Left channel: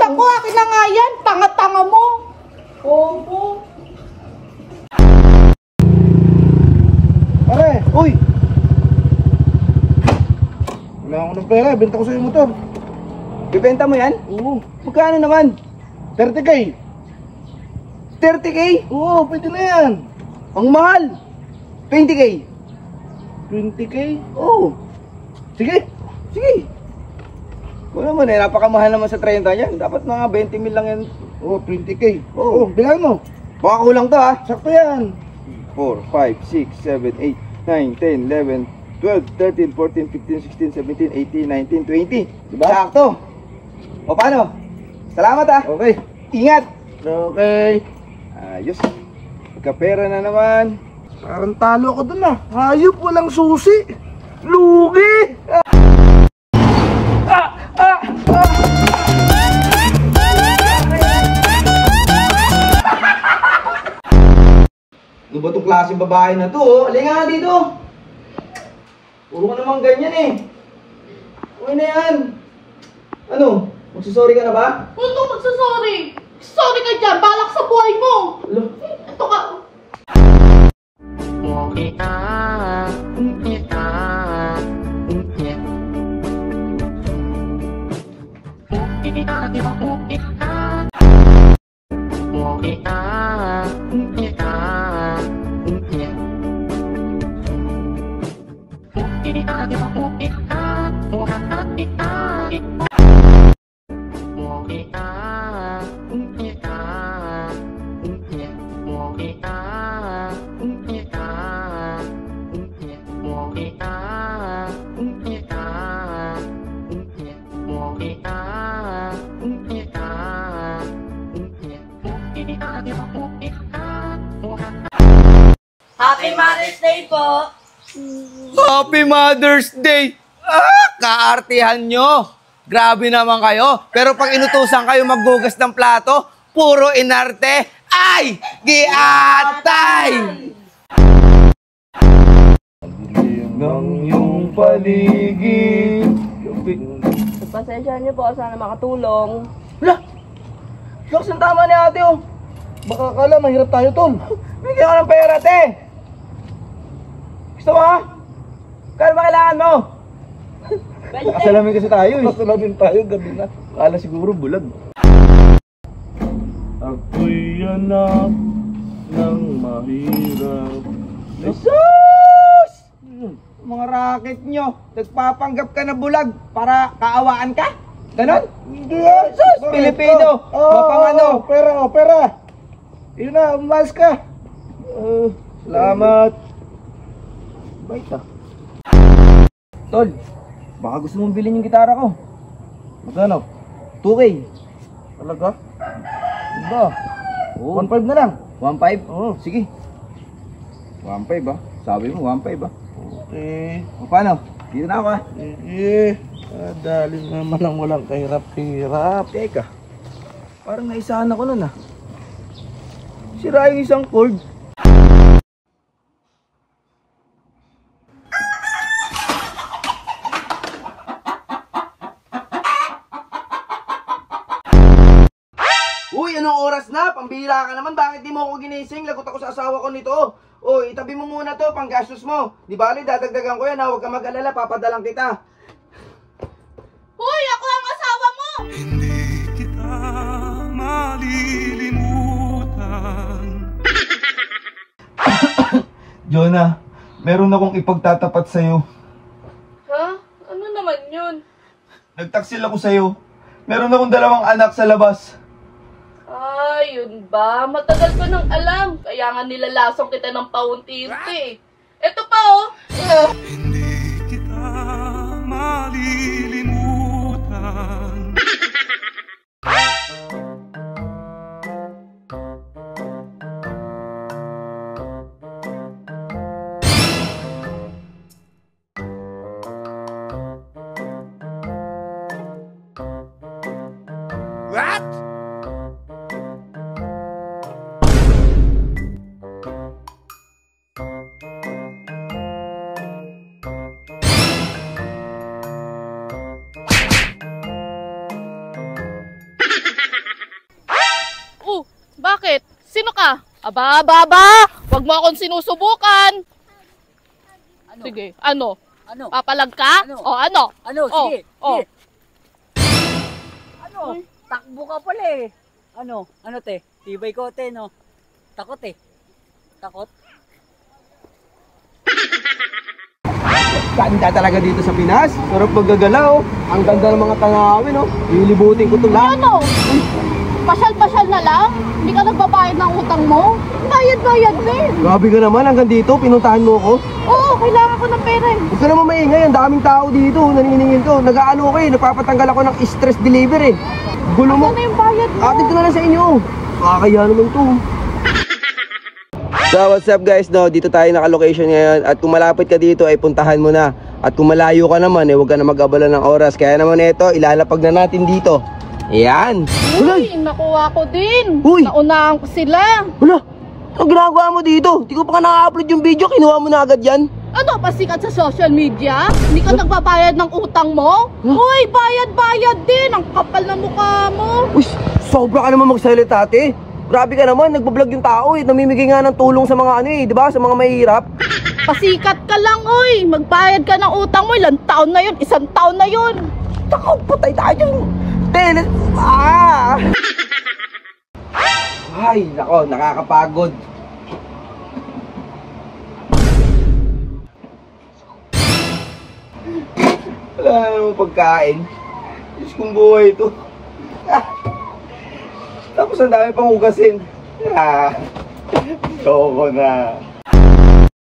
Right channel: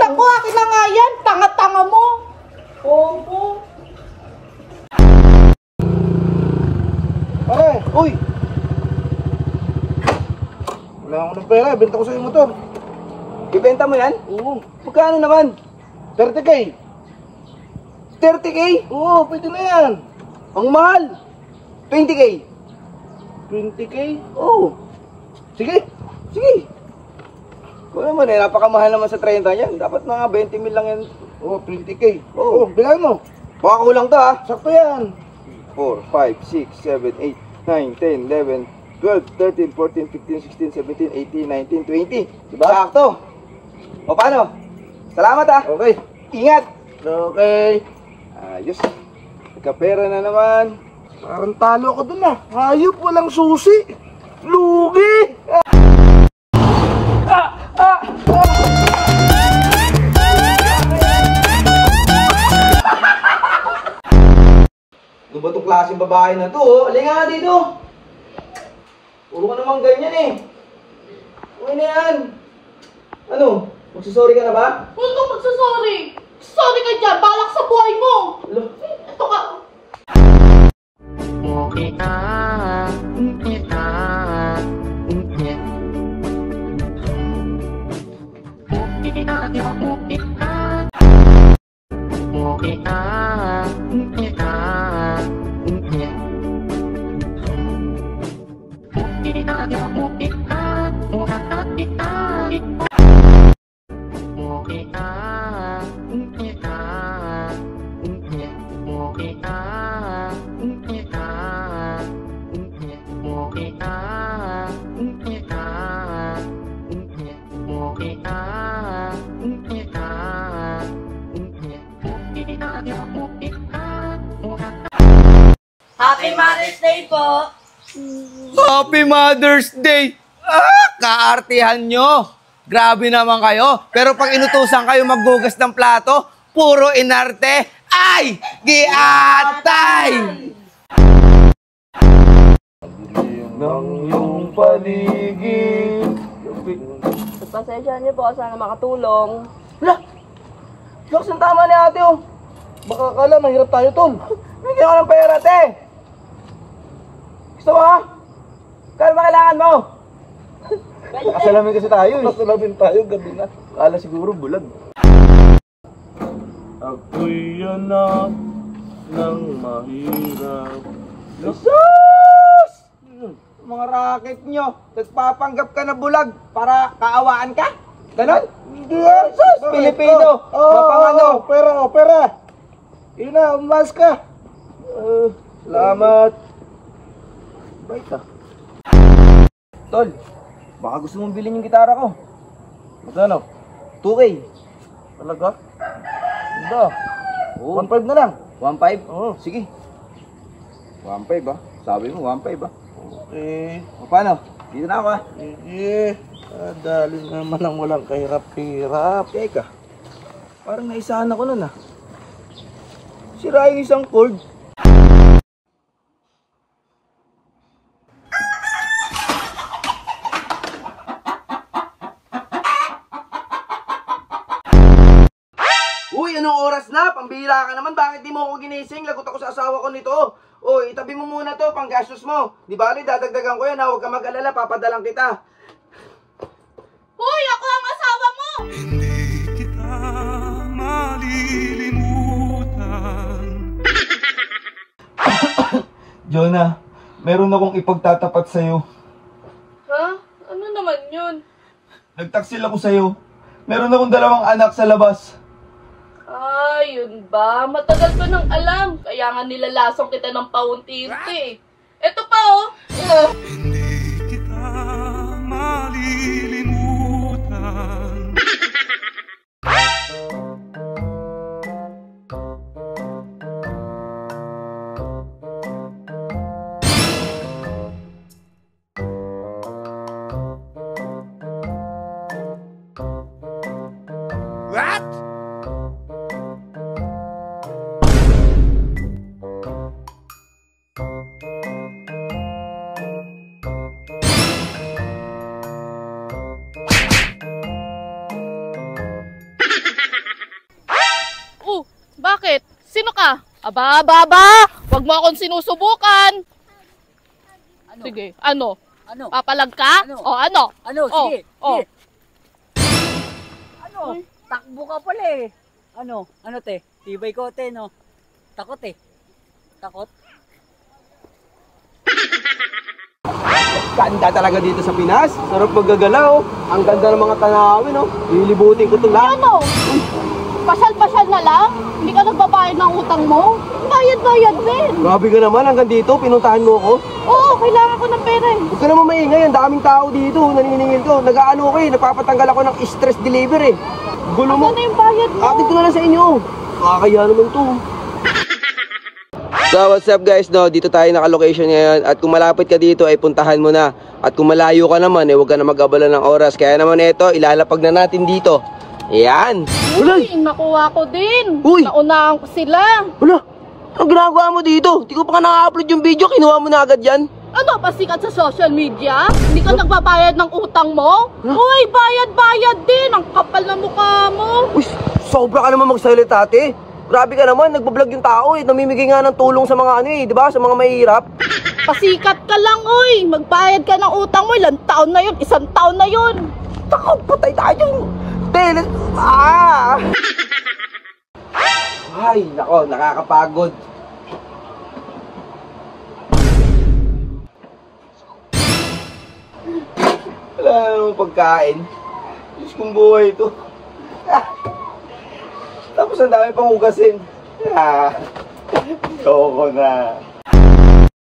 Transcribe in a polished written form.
Naku, akin na nga yan. Tanga-tanga mo. Opo. Pare, uy! Wala akong nagpera, benta ko sa'yo yung motor. Bibenta mo yan? Oo. Magkano naman? 30k. 30k? Oo, pwede na yan. Ang mahal. 20k. 20k? Oo. Sige. Sige. Kung naman napakamahal naman sa 30 yan. Dapat mga 20 mil lang yan. Oo, 20k. Oo. Oo, bilangin mo. Baka kulang to ha. Sakto yan. 4, 5, 6, 7, 8, 9, 10, 11, 12, 13, 14, 15, 16, 17, 18, 19, 20. Diba? Sakto. O paano? Salamat ha. Okay. Ingat. Okay. Ayos. Nagkapera na naman. Parang talo ako dun ah. Hayop, walang susi. Lugi. Ano ba itong klaseng babae na to? Alin nga dito. Puro ka naman ganyan eh. Ano na yan? Ano? Magsusorry ka na ba? Huwag kang magsasorry. Sorry ka dyan. Balak sa buhay mo. Alo? Ito ka. Happy Mother's Day po! Happy Mother's Day! Kaartihan nyo! Grabe naman kayo. Pero pag inutusan kayo maggugas ng plato, puro inarte, ay! Giatay! Ng iyong paligid. Pasensya niyo po, sana makatulong. Lakas ang tama ni ate oh. Baka akala mahirap tayo, tol. Bigyan ko ng pera ate. Gusto mo? Kaya ba kailangan mo? Kasalamin kasi tayo eh. Masalamin tayo, gabi na. Kala siguro bulag. Ako'y anak ng mahirap. Jesus! Mga racket nyo, nagpapanggap ka na bulag para kaawaan ka? Ganon? Hindi ah. Jesus! Pilipino! Mapangano! Pera, pera. Yun na, umas ka. Salamat! Bait ah. Tol, baka gusto mong bilhin yung gitara ko. Magkano? 2K. Talaga? Ba? Oo. 1.5 na lang. 1.5? Oo. Sige. 1.5 ah. Sabi mo 1.5 ah. Okay. O paano? Dito na ako ah. Sige. Dali naman ang walang kahirap-hirap. Teka. Parang naisahan ako nun ah. Sira yung isang cord. Uy, anong oras na? Pambihira ka naman. bakit di mo ako ginising? Lagot ako sa asawa ko nito. O, itabi mo muna to, panggastos mo. Di bali, dadagdagan ko yan ha. Huwag ka mag-alala, papadalang kita. Hoy, ako ang asawa mo! Hindi kita malilimutan. Jonah, meron akong ipagtatapat sa'yo. Ha? Ano naman yun? Nagtaksil ako sa'yo. Meron akong 2 anak sa labas. Ah, yun ba? Matagal pa nang alam. Kaya nga nilalasong kita ng paunti-unti. Ito pa oh. Hindi kita malilimutan. What? Oh, bakit? Sino ka? Aba! Huwag mo akong sinusubukan! Ano? Sige, ano? Ano? Papalag ka? Ano? O ano? Ano? Oh, Sige. oh. Sige. Ano? Takbo ka pala eh. Ano? Ano te? Tibay ko te no? Takot eh. Takot? Ganda talaga dito sa Pinas. Sarap maggagalaw. Ang ganda ng mga tanawin, oh. Lilibutin ko ito lang. Ano? Pasyal-pasyal na lang? Hindi ka nagbabayad ng utang mo? Bayad-bayad din! Grabe ka naman, hanggang dito, pinuntahan mo ako. Oo, kailangan ko ng pera eh. Gusto naman maingay, ang daming tao dito, naniningin to. Nag-aano ko eh, napapatanggal ako ng stress delivery. Gulo mo. Ano na yung bayad mo? Atid ko na lang sa inyo. Kakaya naman to. So what's up guys, dito tayo naka-location ngayon. At kung malapit ka dito ay puntahan mo na. At kung malayo ka naman huwag ka na mag-abala ng oras. Kaya naman ito, ilalapag na natin dito. Yan. Uy, nakuha ko din. Uy! Naunahan ko sila. Wala, ang ginagawa mo dito? Di ko pa ka naka-upload yung video, kinuha mo na agad yan. Ano, pasikat sa social media? Hindi ka nagbabayad ng utang mo? Uy, bayad-bayad din. Ang kapal na mukha mo. Uy, sobra ka naman magsalita ate. Grabe ka naman, nagbablog yung tao eh. Namimigay nga ng tulong sa mga ano eh, di ba? Sa mga mahihirap. Pasikat ka lang, uy. Magbayad ka ng utang mo. Ilang taon na yun? 1 taon na yun. Tako, patay tayo dyan. Teles. Ah! Ay, nako, nakakapagod. Wala na namang pagkain. Diyos kong buhay ito. Ah. Tapos ang dami pang hugasin. Ah. Koko na.